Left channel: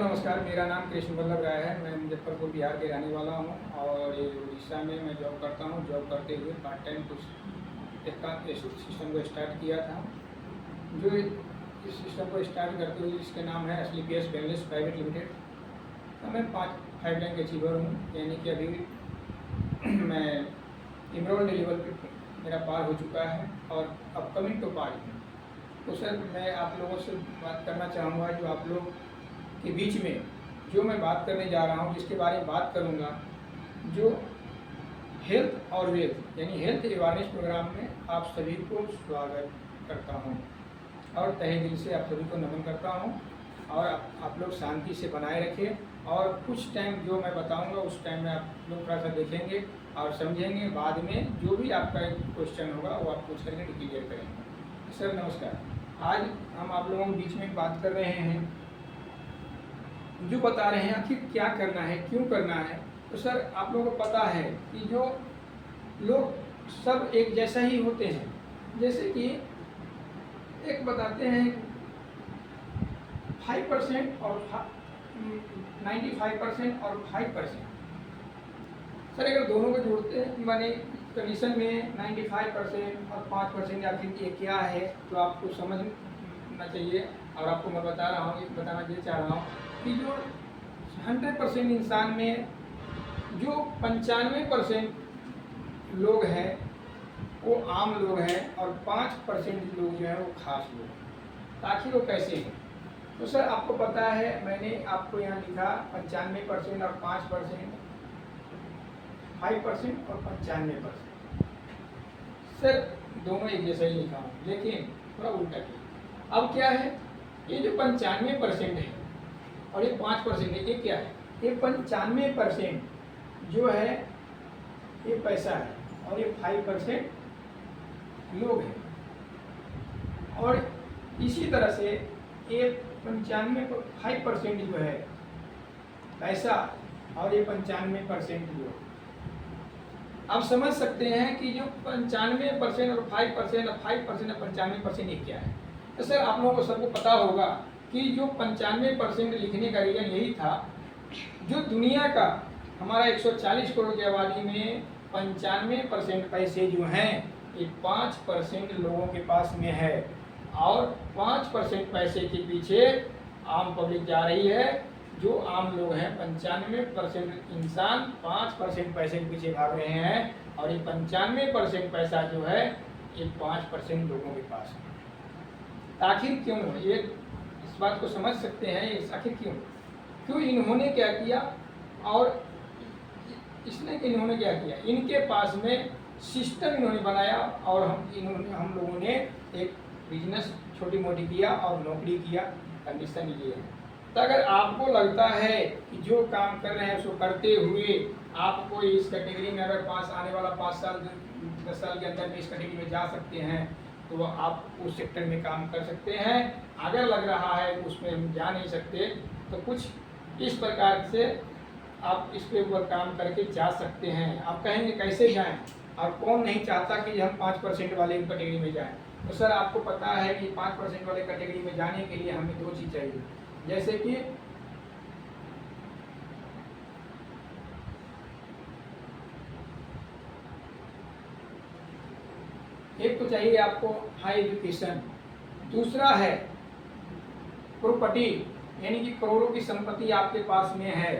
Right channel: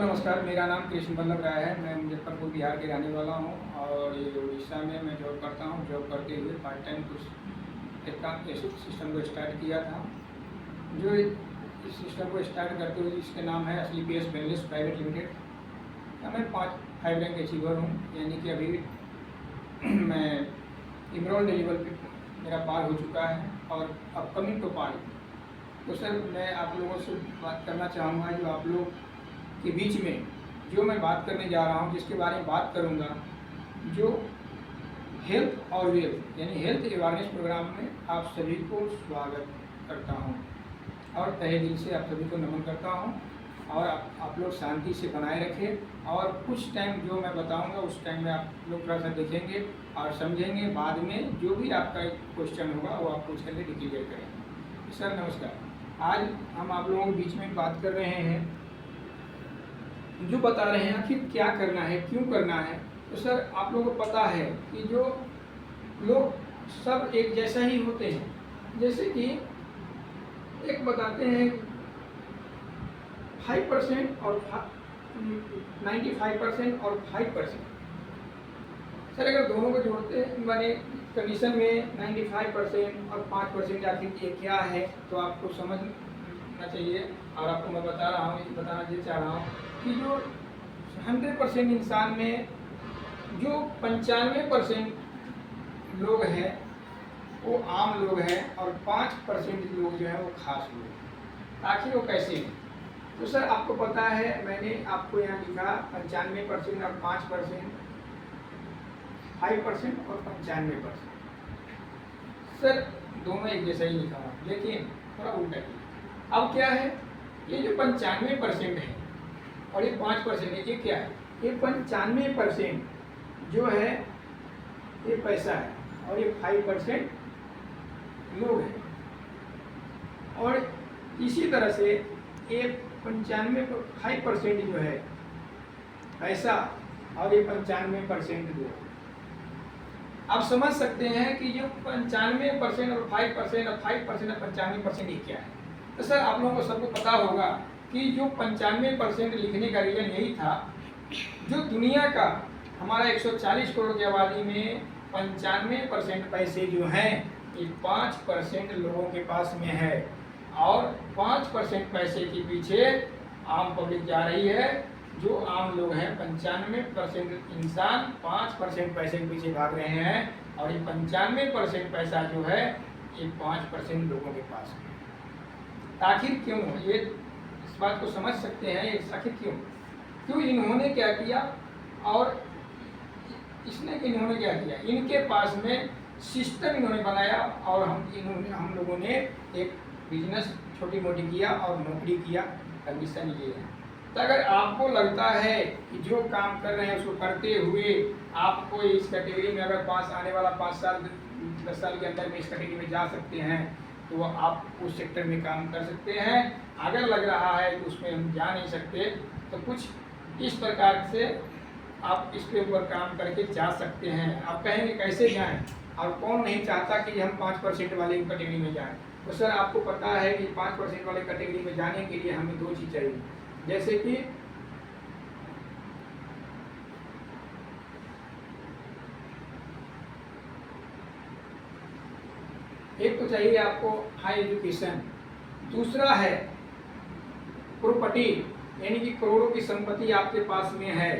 नमस्कार, मेरा नाम कृष्ण वल्लभ राय है। मैं मुजफ्फरपुर बिहार के रहने वाला हूँ और ये उड़ीसा में मैं जॉब करता हूँ। जॉब करते हुए पार्ट टाइम कुछ एक सिस्टम को स्टार्ट किया था। जो इस सिस्टम को स्टार्ट करते हुए इसका नाम है एसलीपीएस वेलनेस प्राइवेट लिमिटेड। मैं 5 रैंक अचीवर हूँ, यानी कि अभी मैं इमरोल्ड लेवल पे मेरा पार हो चुका है और अपकमिंग तो पार। तो सर मैं आप लोगों से बात करना चाहूँगा, जो आप लोग के बीच में जो मैं बात करने जा रहा हूँ, जिसके बारे में बात करूँगा, जो हेल्थ और वेल्थ यानी हेल्थ अवेयरनेस प्रोग्राम में आप सभी को स्वागत करता हूँ और तहे दिल से आप सभी को नमन करता हूँ। और आप लोग शांति से बनाए रखें और कुछ टाइम जो मैं बताऊँगा उस टाइम में आप लोग थोड़ा सा देखेंगे और समझेंगे। बाद में जो भी आपका क्वेश्चन होगा वो आप पूछ करके क्लियर करेंगे। सर नमस्कार, आज हम आप लोगों के बीच में बात कर रहे हैं, जो बता रहे हैं आखिर क्या करना है, क्यों करना है। तो सर आप लोगों को पता है कि जो लोग सब एक जैसा ही होते हैं, जैसे कि एक बताते हैं 5% और 95% और 5%। सर अगर दोनों को जोड़ते हैं माने कंडीशन में 95% और 5% आखिर ये क्या है, तो आपको समझना चाहिए। और आपको मैं बताना ये चाह रहा हूँ कि जो 100% इंसान में जो 95% लोग हैं वो आम लोग हैं और 5% लोग जो हैं वो खास लोग हैं। आखिर वो कैसे हैं? तो सर आपको पता है, मैंने आपको यहाँ लिखा 95% और 5%, 5% और 95%। सर दोनों एक जैसा ही लिखा हूँ, लेकिन थोड़ा उल्टा किया। अब क्या है, ये जो 95% है और ये 5% है, ये क्या है? ये 95% जो है ये पैसा है और ये 5% लोग हैं। और इसी तरह से ये 5% जो है पैसा और ये 95% लोग। आप समझ सकते हैं कि जो 95% और 5% और 5% और 95% ये क्या है। तो सर आप लोगों को सबको पता होगा कि जो 95% लिखने का रीजन यही था, जो दुनिया का हमारा 140 करोड़ की आबादी में 95% पैसे जो हैं ये 5% लोगों के पास में है और 5% पैसे के पीछे आम पब्लिक जा रही है। जो आम लोग हैं 95% इंसान 5% पैसे के पीछे भाग रहे हैं और ये 95% पैसा जो है ये 5% लोगों के पास है। आखिर क्यों? ये इस बात को समझ सकते हैं, आखिर क्यों इन्होंने क्या किया और इन्होंने क्या किया। इनके पास में सिस्टम इन्होंने बनाया और हम लोगों ने एक बिजनेस छोटी मोटी किया और नौकरी किया। कंडीशन ये है। तो अगर आपको लगता है कि जो काम कर रहे हैं उसको करते हुए आपको इस कैटेगरी में अगर आने वाला 5 साल 10 साल के अंदर में इस कैटेगरी में जा सकते हैं, तो आप उस सेक्टर में काम कर सकते हैं। अगर लग रहा है कि उसमें हम जा नहीं सकते, तो कुछ इस प्रकार से आप इसके ऊपर काम करके जा सकते हैं। आप कहेंगे कैसे जाएं, और कौन नहीं चाहता कि हम 5% वाले कैटेगरी में जाएं। तो सर आपको पता है कि 5% वाले कैटेगरी में जाने के लिए हमें 2 चीज़ चाहिए, जैसे कि एक तो चाहिए आपको हाई एजुकेशन, दूसरा है प्रॉपर्टी यानी कि करोड़ों की संपत्ति आपके पास में है,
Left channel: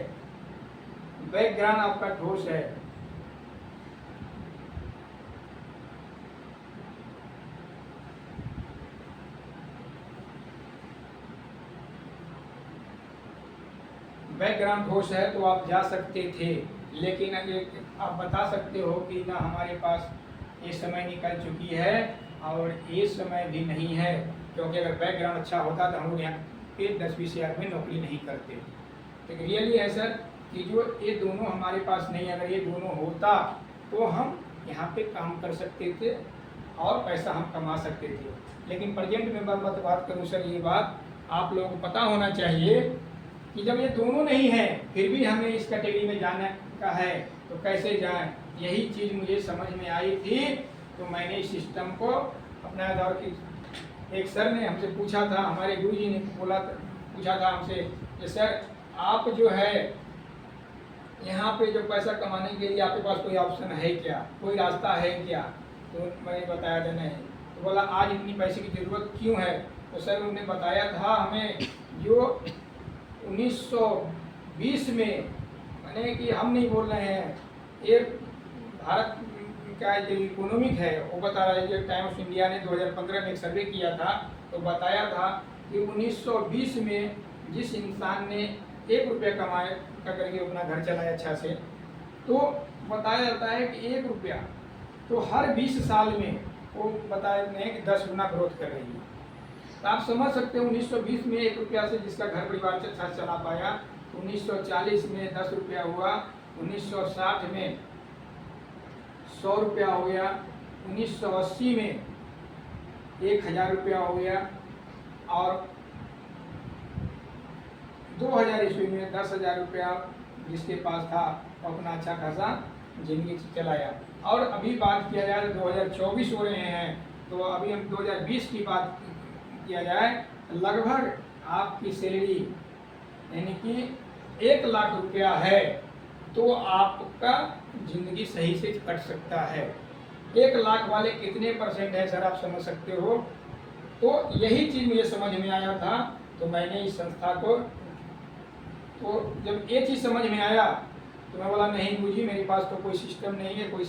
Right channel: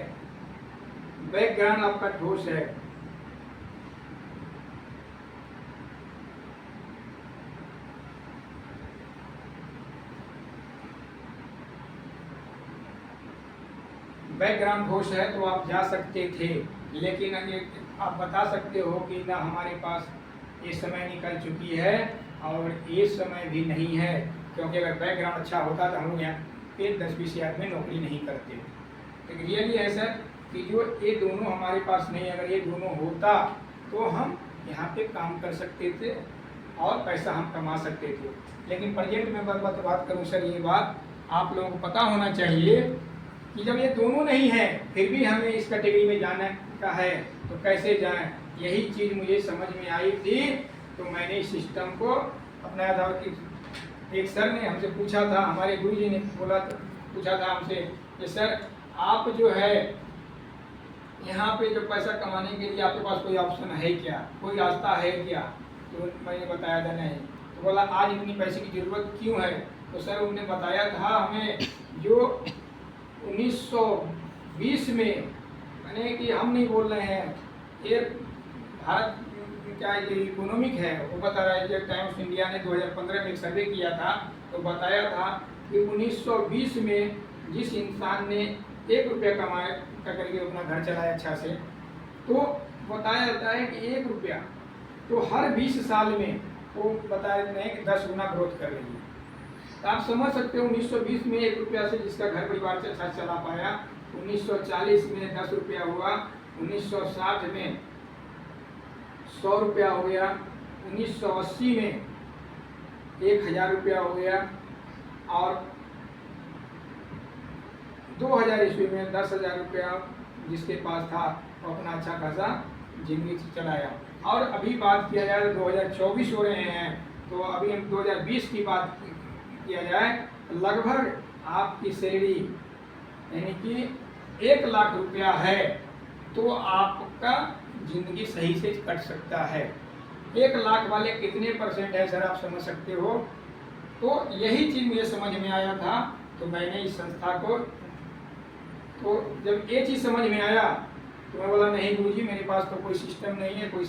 बैकग्राउंड आपका ठोस है। बैकग्राउंड ठोस है तो आप जा सकते थे, लेकिन आप बता सकते हो कि ना हमारे पास ये समय निकल चुकी है और ये समय भी नहीं है, क्योंकि अगर बैकग्राउंड अच्छा होता तो हम लोग यहाँ पे 10-20 हज़ार में नौकरी नहीं करते। तो रियली है सर कि जो ये दोनों हमारे पास नहीं, अगर ये दोनों होता तो हम यहाँ पे काम कर सकते थे और पैसा हम कमा सकते थे। लेकिन प्रेजेंट में बात करूँ सर, ये बात आप लोगों को पता होना चाहिए कि जब ये दोनों नहीं है फिर भी हमें इस कैटेगरी में जाने का है तो कैसे जाएं। यही चीज़ मुझे समझ में आई थी, तो मैंने इस सिस्टम को अपनाया था। और कि एक सर ने हमसे पूछा था, हमारे गुरुजी ने पूछा था हमसे कि सर आप जो है यहाँ पे जो पैसा कमाने के लिए आपके पास कोई ऑप्शन है क्या, कोई रास्ता है क्या? तो मैंने बताया था नहीं। तो बोला आज इतनी पैसे की ज़रूरत क्यों है? तो सर उन्होंने बताया था हमें जो 1920 में, मैंने कि हम नहीं बोल रहे हैं, ये भारत का जो इकोनॉमिक है वो बता रहा है। जो टाइम्स ऑफ इंडिया ने 2015 में एक सर्वे किया था तो बताया था कि 1920 में जिस इंसान ने 1 रुपया कमाया करके अपना घर चलाया अच्छा से, तो बताया जाता है कि 1 रुपया तो हर 20 साल में वो बताया नहीं कि 10 गुना ग्रोथ कर रही है। तो आप समझ सकते हो 1920 में 1 रुपया से जिसका घर परिवार से अच्छा चला पाया, 1940 में 10 रुपया हुआ, 1960 में 100 रुपया हो गया, 1980 में 1000 रुपया हो गया, और 2000 ईस्वी में 10,000 रुपया जिसके पास था अपना अच्छा खासा जिंदगी चलाया। और अभी बात किया जाए तो 2024 हो रहे हैं, तो अभी हम 2020 की बात किया जाए तो लगभग आपकी सैलरी यानी कि 1 लाख रुपया है तो आपका जिंदगी सही से कट सकता है। 1 लाख वाले कितने % है सर, आप समझ सकते हो? तो यही चीज़ मुझे समझ में आया था, तो मैंने इस संस्था को, तो जब ये चीज़ समझ में आया तो मैं बोला नहीं गुरुजी मेरे पास तो कोई सिस्टम नहीं है कोई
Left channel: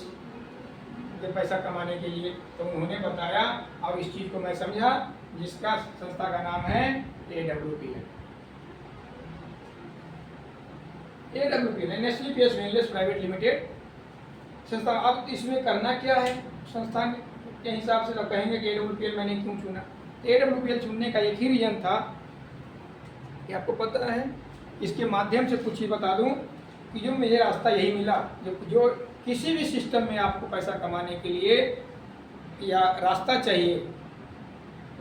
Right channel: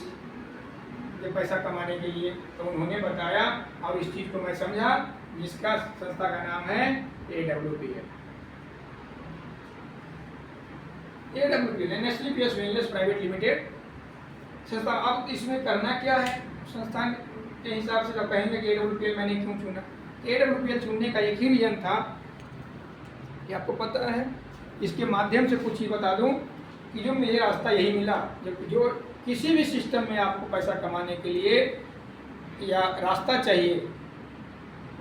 पैसा कमाने के लिए। तो उन्होंने बताया और इस चीज़ को मैं समझा, जिसका संस्था का नाम है AWPL। AWPL national PS wellness private limited संस्था। अब इसमें करना क्या है संस्थान के हिसाब से, तो कहेंगे कि AWPL मैंने क्यों चुना? AWPL चुनने का एक ही रीजन था कि आपको पता है, इसके माध्यम से कुछ ही बता दूं कि जो मुझे रास्ता यही मिला, जो किसी भी सिस्टम में आपको पैसा कमाने के लिए या रास्ता चाहिए,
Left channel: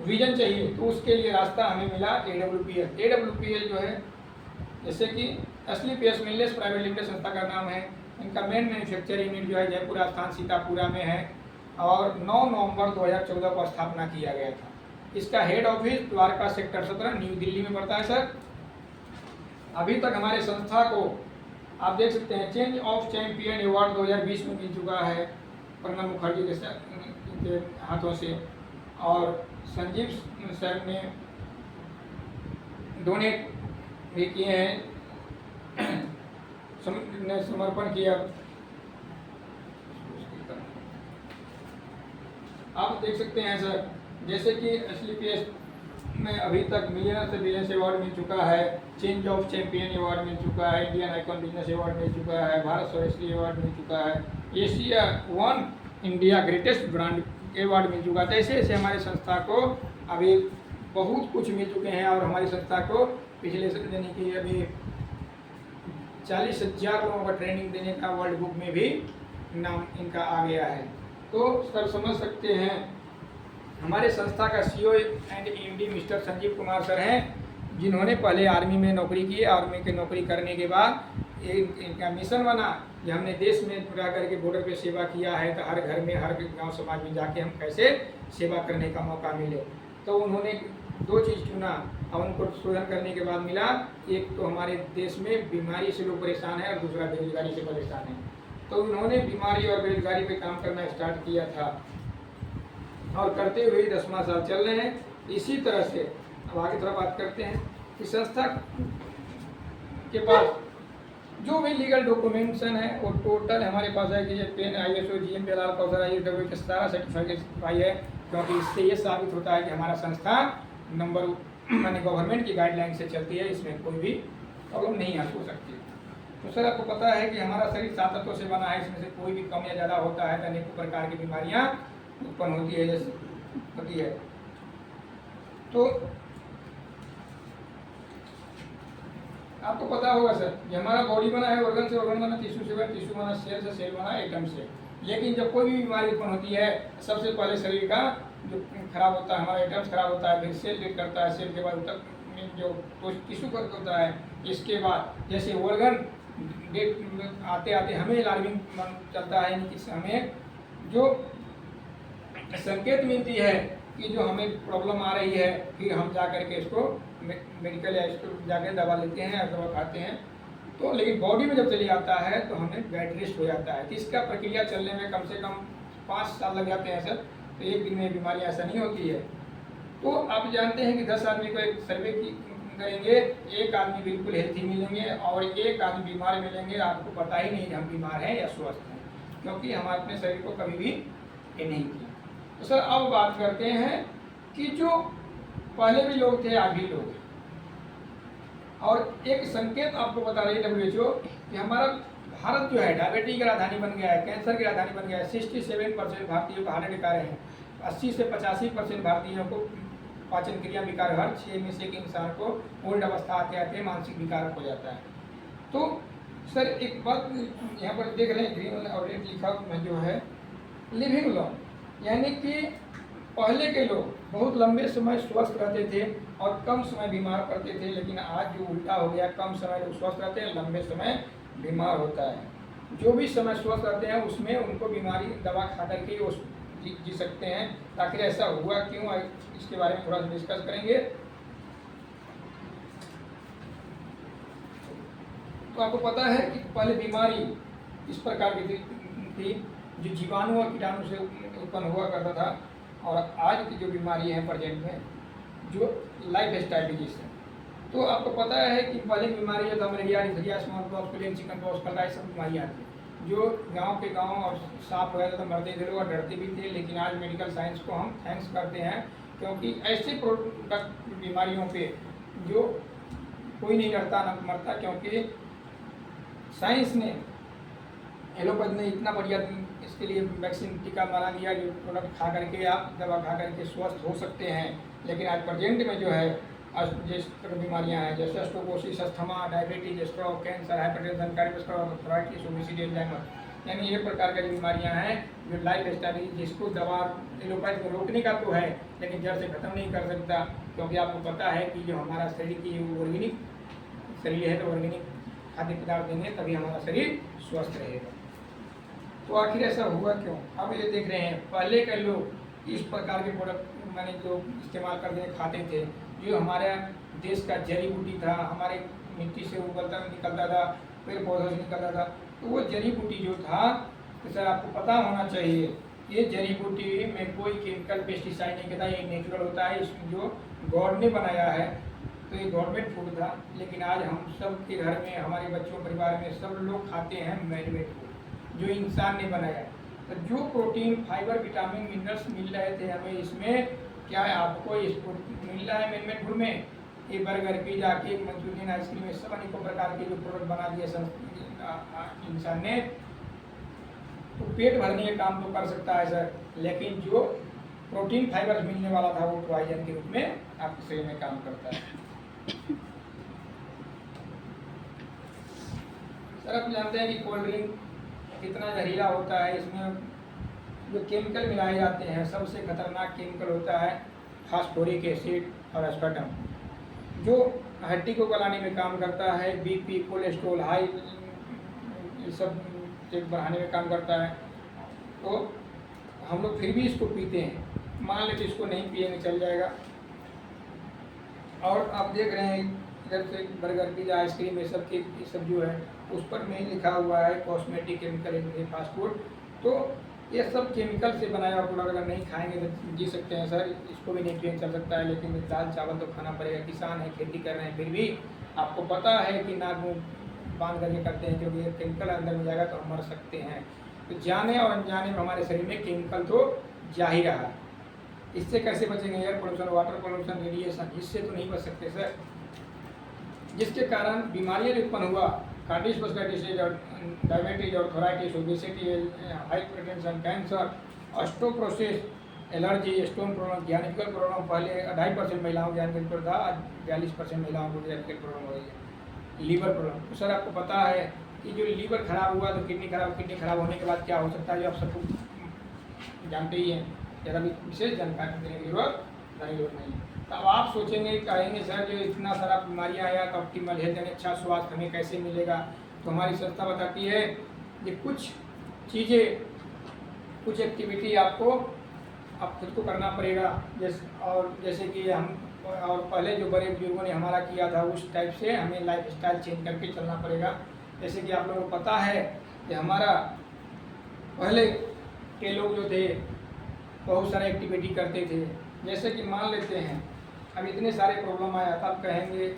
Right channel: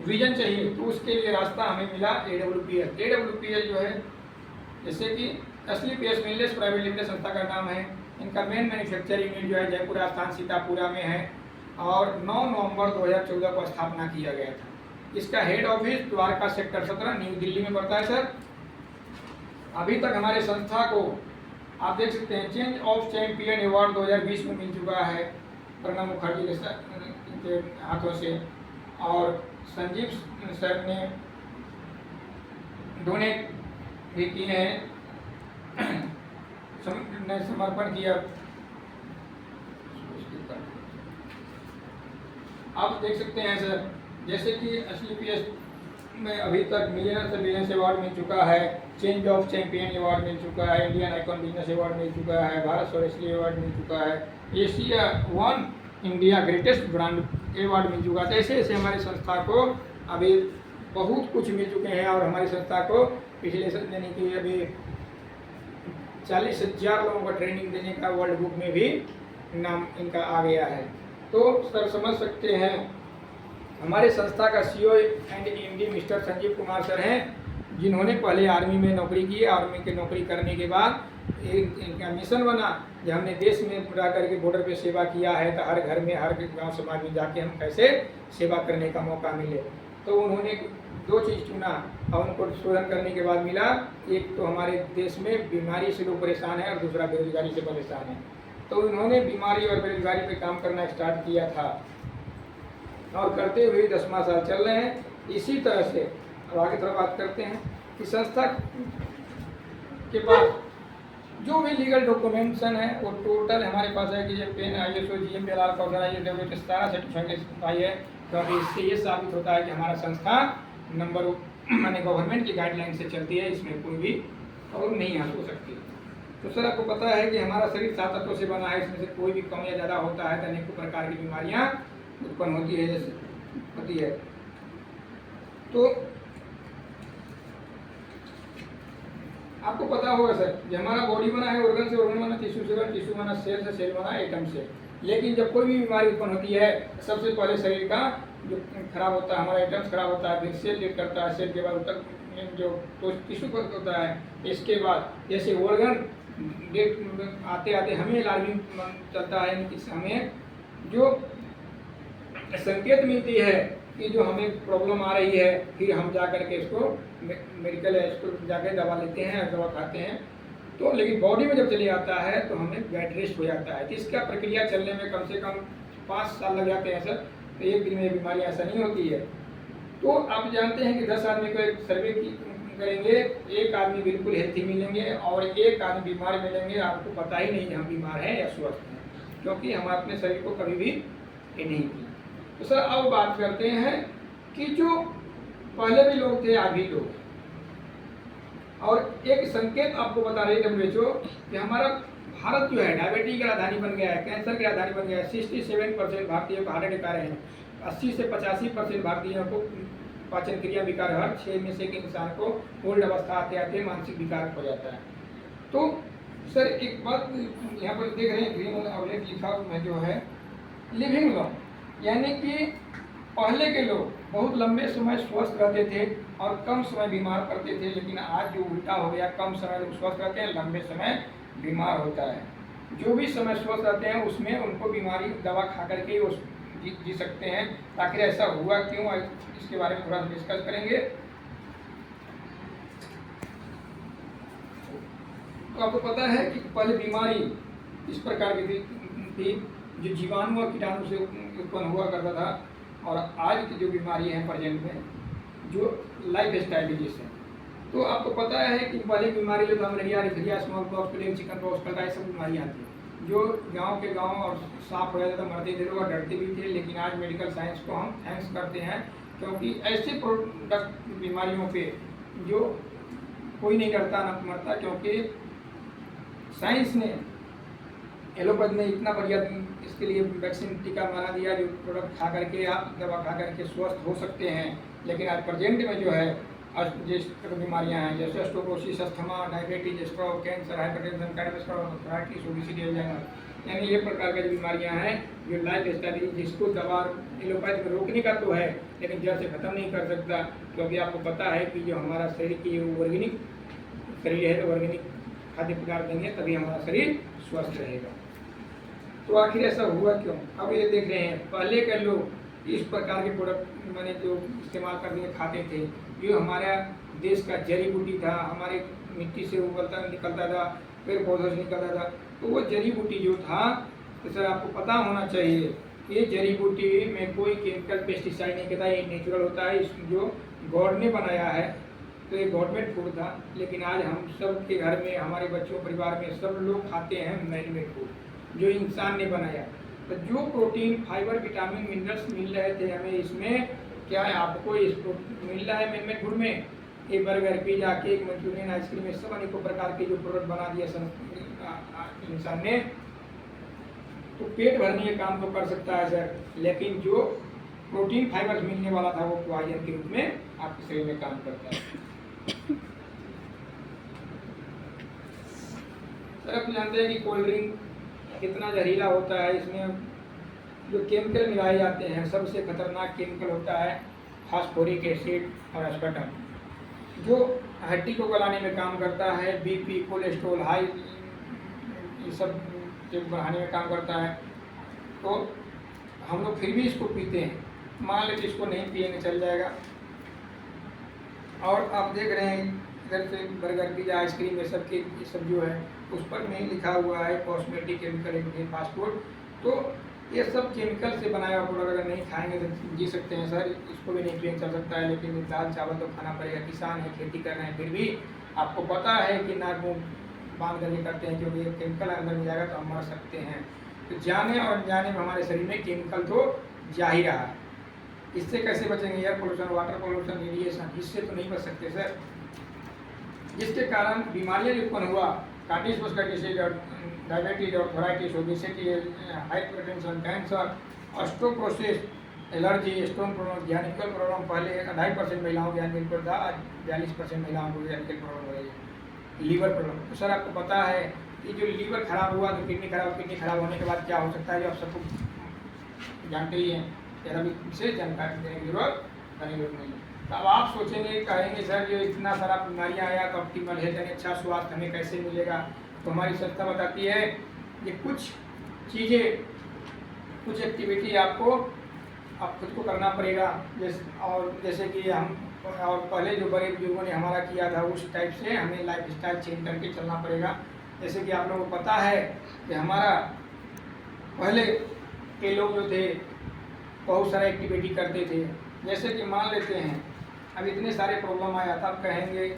विजन चाहिए, तो उसके लिए रास्ता हमें मिला AWPL। AWPL जो है जैसे कि असली पीएस वेलनेस प्राइवेट लिमिटेड संस्था का नाम है। इनका मेन मैन्युफैक्चर यूनिट जो है जयपुर स्थान सीतापुरा में है और 9 नवंबर 2014 को स्थापना किया गया था। इसका head office Dwarka sector 17 new Delhi में पड़ता है सर। अभी तक हमारे संस्था को आप देख सकते हैं चेंज ऑफ चैंपियन अवार्ड 2020 में मिल चुका है प्रणब मुखर्जी के हाथों से, और संजीव सर ने डोनेट भी किए हैं, ने समर्पण किया। आप देख सकते हैं सर जैसे कि असली पीएस में अभी तक मिलियनर से बिलियंस अवार्ड मिल चुका है, चेंज ऑफ चैंपियन अवार्ड मिल चुका है, इंडियन आइकॉन बिजनेस अवार्ड मिल चुका है, भारत स्वदेशी अवार्ड मिल चुका है, Asia 1 India greatest brand award मिल चुका है। ऐसे ऐसे हमारी संस्था को अभी बहुत कुछ मिल चुके हैं, और हमारी संस्था को पिछले यानी कि अभी 40,000 लोगों का ट्रेनिंग देने का वर्ल्ड बुक में भी नाम इनका आ गया है। तो सर समझ सकते हैं हमारे संस्था का CEO and MD mister Sanjeev Kumar sir हैं, जिन्होंने पहले आर्मी में नौकरी की। आर्मी की नौकरी करने के बाद इनका मिशन बना कि हमने देश में रह करके बॉर्डर पे सेवा किया है, तो हर घर में हर गांव समाज में जाके हम कैसे सेवा करने का मौका मिले। तो उन्होंने 2 चीज़ चुना और उनको शोधन करने के बाद मिला, एक तो हमारे देश में बीमारी से लोग परेशान हैं और दूसरा बेरोजगारी से परेशान है। तो उन्होंने बीमारी और बेरोजगारी पे काम करना स्टार्ट किया था और करते हुए 10वां साल चल रहे हैं। इसी तरह से अब आगे थोड़ा बात करते हैं कि संस्था के पास जो भी लीगल डॉक्यूमेंटेशन है वो टोटल हमारे पास है कि ये पेन ISO GMPLR का ISW सारा सर्टिफिकेट है, क्योंकि इससे ये साबित होता है कि हमारा संस्था नंबर माने गवर्नमेंट की गाइडलाइन से चलती है, इसमें कोई भी प्रॉब्लम नहीं हो सकती। तो सर आपको पता है कि हमारा शरीर 7 तत्वों से बना है, इसमें से कोई भी कम या ज़्यादा होता है तो अनेकों प्रकार की बीमारियाँ उत्पन्न होती है। तो आपको पता होगा सर कि हमारा बॉडी बना है ऑर्गन से, ऑर्गन बना टिश्यू से, टिश्यू बना सेल से, सेल बना एटम से। लेकिन जब कोई भी बीमारी उत्पन्न होती है सबसे पहले शरीर का जो खराब होता है, हमारा एटम्स खराब होता है, फिर सेल लीड करता है, सेल के बाद उत्तर जो टिश्यू होता है, इसके बाद जैसे ऑर्गन डेट आते आते हमें अलार्मिंग चलता है कि हमें जो संकेत मिलती है कि जो हमें प्रॉब्लम आ रही है, फिर हम जा कर के इसको मेडिकल या इसको जाकर दवा लेते हैं या दवा खाते हैं, तो लेकिन बॉडी में जब चले आता है तो हमें बेड रेस्ट हो जाता है। तो इसका प्रक्रिया चलने में कम से कम 5 साल लग जाते हैं सर। तो एक दिन में बीमारी ऐसा नहीं होती है। तो आप जानते हैं कि 10 आदमी को एक सर्वे करेंगे, एक आदमी बिल्कुल हेल्थी मिलेंगे और एक आदमी बीमार मिलेंगे। आपको पता ही नहीं कि हम बीमार हैं या स्वस्थ हैं, क्योंकि हम अपने शरीर को कभी भी ये नहीं की। तो सर अब बात करते हैं कि जो पहले भी लोग थे आज भी लोग हैं, और एक संकेत आपको बता रही है WHO कि हमारा भारत जो है डायबिटीज की राजधानी बन गया है, कैंसर की राजधानी बन गया है। 67% भारतीयों को हार्ट अटैक आ रहे हैं, 80 से 85% भारतीयों को पाचन क्रिया विकार, हर 6 में से एक इंसान को ओल्ड अवस्था आते आते मानसिक विकार हो जाता है। तो सर एक बात यहाँ पर देख रहे हैं, ग्रीन ऑर्डिनेट लिखा है जो है लिविंग लॉन्ग, यानी कि पहले के लोग बहुत लंबे समय स्वस्थ रहते थे और कम समय बीमार पड़ते थे, लेकिन आज जो उल्टा हो गया, कम समय लोग स्वस्थ रहते हैं, लंबे समय बीमार होता है। जो भी समय स्वस्थ रहते हैं उसमें उनको बीमारी दवा खा करके वो जी सकते हैं। आखिर ऐसा हुआ क्यों, इसके बारे में थोड़ा डिस्कस करेंगे। तो आपको पता है कि पहले बीमारी इस प्रकार की थी जो जीवाणु और कीटाणु से उत्पन्न हुआ करता था, और आज की जो बीमारी है प्रेजेंट में जो लाइफ स्टाइल डिजीज है। तो आपको पता है कि पहले बीमारी जो था malaria, diphtheria, smallpox, plague, chickenpox, cholera, ये सब बीमारियाँ थी जो गांव के गांव और साफ हो जाते तो मरते थे लोग और डरते भी थे। लेकिन आज मेडिकल साइंस को हम थैंक्स करते हैं, क्योंकि ऐसे प्रोडक्ट बीमारियों पे जो कोई नहीं डरता न मरता, क्योंकि साइंस ने, एलोपैथ ने इतना बढ़िया इसके लिए वैक्सीन टीका बना दिया जो प्रोडक्ट खा करके आप दवा खा करके स्वस्थ हो सकते हैं। लेकिन आज प्रेजेंट में जो है जिस बीमारियां हैं जैसे osteoporosis, asthma, diabetes, stroke, cancer, hypertension, cardiovascular arthritis, obesity, Alzheimer, यानी ये प्रकार की जो बीमारियां हैं जो लाइफ स्टाइल जिसको दवा एलोपैथ में रोकने का तो है लेकिन जड़ से खत्म नहीं कर सकता, क्योंकि आपको पता है कि जो हमारा शरीर की ऑर्गेनिक शरीर है तो ऑर्गेनिक खाद्य पदार्थ देंगे तभी हमारा शरीर स्वस्थ रहेगा। तो आखिर ऐसा हुआ क्यों? अब ये देख रहे हैं पहले के लोग इस प्रकार के प्रोडक्ट मैंने जो इस्तेमाल करते खाते थे, जो हमारा देश का जड़ी बूटी था, हमारे मिट्टी से उगलता निकलता था, पेड़ पौधों से निकलता था, तो वो जड़ी बूटी जो था, तो सर आपको पता होना चाहिए ये जड़ी बूटी में कोई केमिकल पेस्टिसाइड नहीं करता, ये नेचुरल होता है, जो गॉड ने बनाया है। तो ये गवर्नमेंट फूड था, लेकिन आज हम सब के घर में, हमारे बच्चों परिवार में सब लोग खाते हैं मैरीमेड फूड जो इंसान ने बनाया। तो जो प्रोटीन, फाइबर, विटामिन, मिनरल्स मिल रहे थे हमें इसमें, क्या है आपको इस मिल रहा है मैरीमेड फूड में? ये burger, pizza, cake, Manchurian, ice cream, ये सब अनेकों प्रकार के जो प्रोडक्ट बना दिए इंसान ने। तो पेट भरने के काम तो कर सकता है सर, लेकिन जो प्रोटीन फाइबर मिलने वाला था वो पॉइजन के रूप में आपके शरीर में काम करता है। सर आप जानते हैं कि कोल्ड ड्रिंक कितना जहरीला होता है, इसमें जो केमिकल मिलाए जाते हैं सबसे खतरनाक केमिकल होता है फास्फोरिक एसिड और एस्पार्टम, जो हड्डी को गलाने में काम करता है, बीपी, कोलेस्ट्रॉल हाई, ये सब बढ़ाने में काम करता है। तो हम लोग फिर भी इसको पीते हैं, मान लेते इसको नहीं पिएंगे चल जाएगा। और आप देख रहे हैं इधर से बर्गर, पिज्जा, आइसक्रीम, ये सब जो है उस पर में लिखा हुआ है कॉस्मेटिक, केमिकल, फास्ट फूड। तो ये सब केमिकल से बनाया हुआ प्रोडक्ट अगर नहीं खाएंगे तो जी सकते हैं सर, इसको भी नहीं पिया चल सकता है, लेकिन दाल चावल तो खाना पड़ेगा। किसान है, खेती कर रहे हैं, फिर भी आपको पता है कि नाक मुँह बांध करके करते हैं, क्योंकि ये केमिकल अंदर में जाएगा तो हम मर सकते हैं। तो जाने और अनजाने में हमारे शरीर में केमिकल तो जा ही रहा है। इससे कैसे बचेंगे? Air pollution, water pollution, radiation, इससे तो नहीं बच सकते सर, जिसके कारण बीमारियाँ जो उत्पन्न हुआ, cardiovascular disease, diabetes, arthritis, obesity, hypertension, cancer, osteoporosis, allergy, stone problem, गैनिकल प्रॉब्लम। पहले 2.5% महिलाओं को गैनिकल था, आज 42% महिलाओं को गैनिकल प्रॉब्लम हो रही है। लीवर प्रॉब्लम, तो सर आपको पता है कि जो लीवर खराब हुआ तो किडनी खराब होने के बाद क्या हो सकता है, जो आप सबको जानते ही हैं। जरा भी विशेष जानकारी देने की जरूरत नहीं। तो अब आप सोचेंगे, कहेंगे सर जो इतना सारा बीमारियाँ आया तो ऑप्टिमल हेल्थ यानी अच्छा स्वास्थ्य हमें कैसे मिलेगा? तो हमारी संस्था बताती है कि कुछ चीज़ें, कुछ एक्टिविटी आपको अब खुद को करना पड़ेगा। जैसे कि हम और पहले जो बड़े बुजुर्गों ने हमारा किया था उस टाइप से हमें लाइफ स्टाइल चेंज करके चलना पड़ेगा। जैसे कि आप लोगों को पता है कि हमारा पहले के लोग जो थे बहुत सारे एक्टिविटी करते थे। जैसे कि मान लेते हैं अब इतने सारे प्रॉब्लम आया था, आप कहेंगे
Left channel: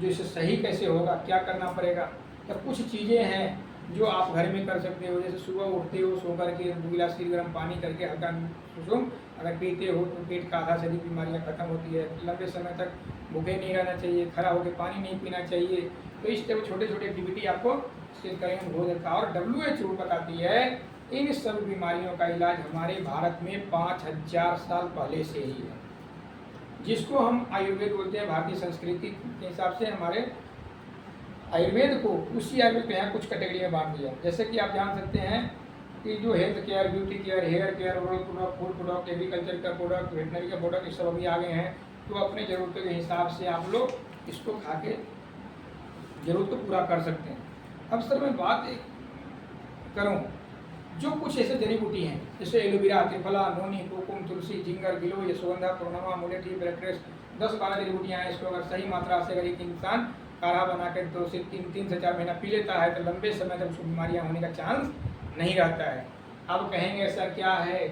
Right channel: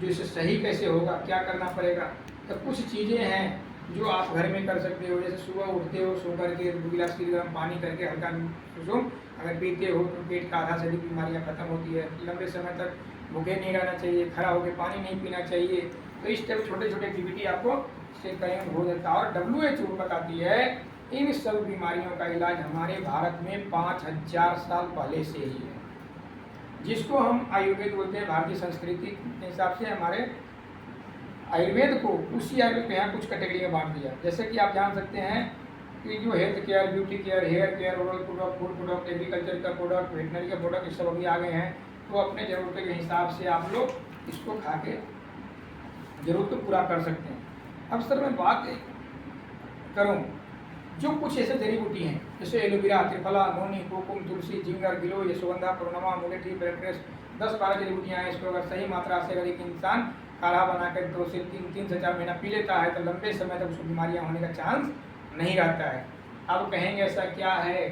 जो इसे सही कैसे होगा, क्या करना पड़ेगा। तो कुछ चीज़ें हैं जो आप घर में कर सकते हो। जैसे सुबह उठते हो, सो करके 2 गिलास गर्म पानी करके हल्का सुसुम अगर पीते हो तो पेट का आधा से अधिक बीमारियाँ खत्म होती है। लंबे समय तक भूखे नहीं रहना चाहिए, खड़ा होकर पानी नहीं पीना चाहिए। तो इस तरह छोटे छोटे एक्टिविटी आपको से कहीं हो जाता है। और WHO बताती है इन सब बीमारियों का इलाज हमारे भारत में 5000 साल पहले से ही है, जिसको हम आयुर्वेद बोलते हैं। भारतीय संस्कृति के हिसाब से हमारे आयुर्वेद को उसी आयुर्वेद में यहाँ कुछ कैटेगरी में बांट दिया। जैसे कि आप जान सकते हैं कि जो health care, beauty care, hair care, oral product, food product, agriculture का प्रोडक्ट, वेटनरी का प्रोडक्ट, ये सब अभी आ गए हैं। तो अपने ज़रूरतों के हिसाब से आप लोग इसको खा के जरूरत को पूरा कर सकते हैं। अब सर मैं बात करूँ जो कुछ ऐसे जड़ी बूटी हैं जैसे एलोवेरा, त्रिफला, नोनी, कोकुम, तुलसी, जिंगर, गिलोय, यशोगंधा, प्रोनमा, मुलेठी, ब्लैकग्रेस, 10-12 जड़ी बूटियाँ हैं। इसको अगर सही मात्रा से अगर एक इंसान काढ़ा बनाकर 2 से 3 से 4 महीना पी लेता है तो लंबे समय तक उसको बीमारियाँ होने का चांस नहीं रहता है। अब कहेंगे ऐसा क्या है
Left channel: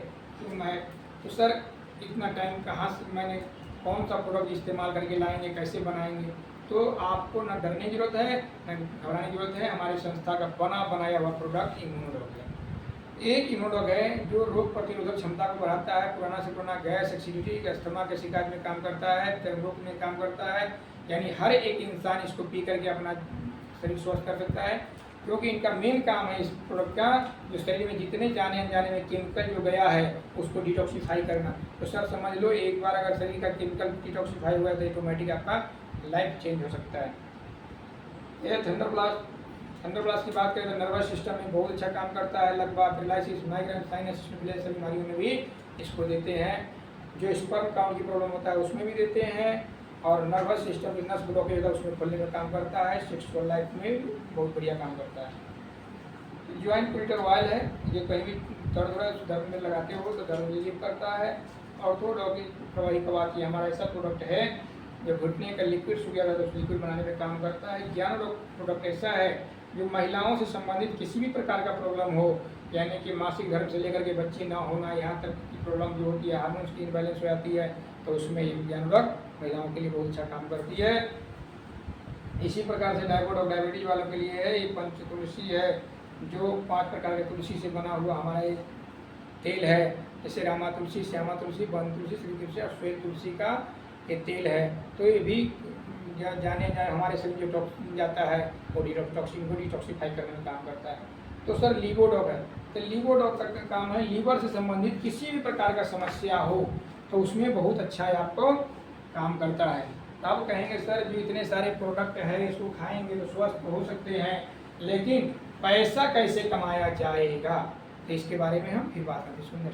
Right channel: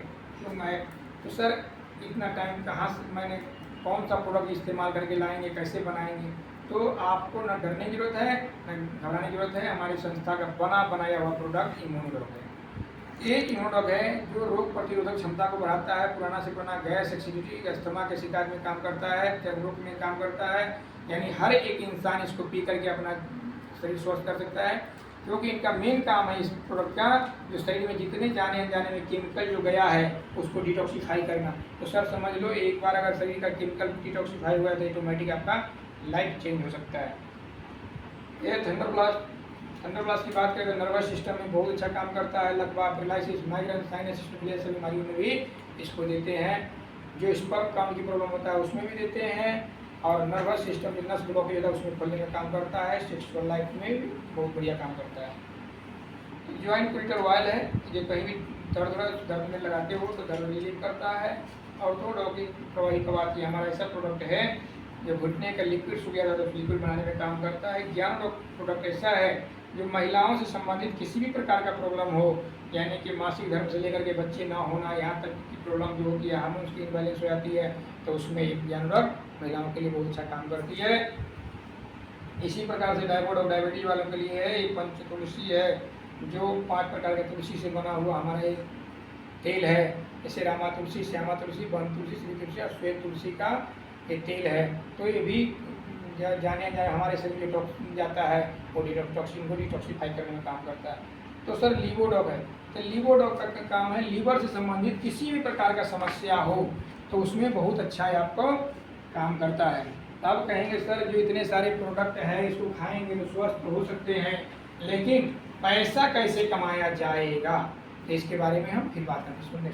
तो सर इतना टाइम कहाँ से मैंने कौन सा प्रोडक्ट इस्तेमाल करके लाएंगे, कैसे बनाएंगे। तो आपको ना डरने की जरूरत है ना घबराने की जरूरत है। हमारी संस्था का बनाया हुआ प्रोडक्ट इम्यूनोडॉग है। एक इम्यूनोडॉग है जो रोग प्रतिरोधक क्षमता को बढ़ाता है, पुराना से पुराना गैस, एसिडिटी, अस्थमा के शिकायत में काम करता है, चर्म रोग में काम करता है। यानी हर एक इंसान इसको पी करके अपना शरीर स्वस्थ कर सकता है, क्योंकि इनका मेन काम है इस प्रोडक्ट का जो शरीर में जितने जाने अनजाने में केमिकल जो गया है उसको डिटॉक्सीफाई करना। तो सर समझ लो एक बार अगर शरीर का केमिकल डिटॉक्सीफाई हुआ तो ऑटोमेटिक आपका लाइफ चेंज हो सकता है। यह थंडर ब्लास्ट की बात करें तो नर्वस सिस्टम में बहुत अच्छा काम करता है। लगभग पैरालिसिस, माइग्रेन, साइनस सभी बीमारियों में भी इसको देते हैं। जो स्पर्म काउंट की प्रॉब्लम होता है उसमें भी देते हैं। और नर्वस सिस्टम जो नस ब्लॉकेज है उसमें खोलने का काम करता है। सेक्सुअल लाइफ में भी बहुत बढ़िया काम करता है। ज्वाइंट क्विटर ऑयल है, जो कहीं भी दर्द में लगाते हो तो दर्द रिलीव करता है। ऑर्थोडॉग की प्रवाही कवात की हमारा ऐसा प्रोडक्ट है जो घुटने का लिक्विड सूख गया था तो लिक्विड बनाने में काम करता है। ज्ञान प्रोडक्ट ऐसा है जो महिलाओं से संबंधित किसी भी प्रकार का प्रॉब्लम हो, यानी कि मासिक धर्म से लेकर के बच्चे ना होना, यहाँ तक की प्रॉब्लम जो होती है, हार्मोन्स की इम्बैलेंस हो जाती है, तो उसमें एक ज्ञानडॉग महिलाओं के लिए बहुत अच्छा काम करती है। इसी प्रकार से डायबिटीज वालों के लिए है ये पंच तुलसी है, जो 5 प्रकार के तुलसी से बना हुआ हमारा एक तेल है। जैसे रामा तुलसी, श्यामा तुलसी, वन तुलसी, श्री तुलसी और श्वेत तुलसी का ये तेल है। तो ये भी जाने हमारे शरीर जो टॉक्सिन जाता है वो टॉक्सिन को डिटॉक्सीफाई करने में काम करता है। तो सर लीवोडॉग है, तो लीवोडॉग का काम है लीवर से संबंधित किसी भी प्रकार का समस्या हो तो उसमें बहुत अच्छा है आपको काम करता है। तब कहेंगे सर जो इतने सारे प्रोडक्ट हैं इसको खाएंगे तो स्वस्थ हो सकते हैं, लेकिन पैसा कैसे कमाया जाएगा, तो इसके बारे में हम फिर बात करते हैं।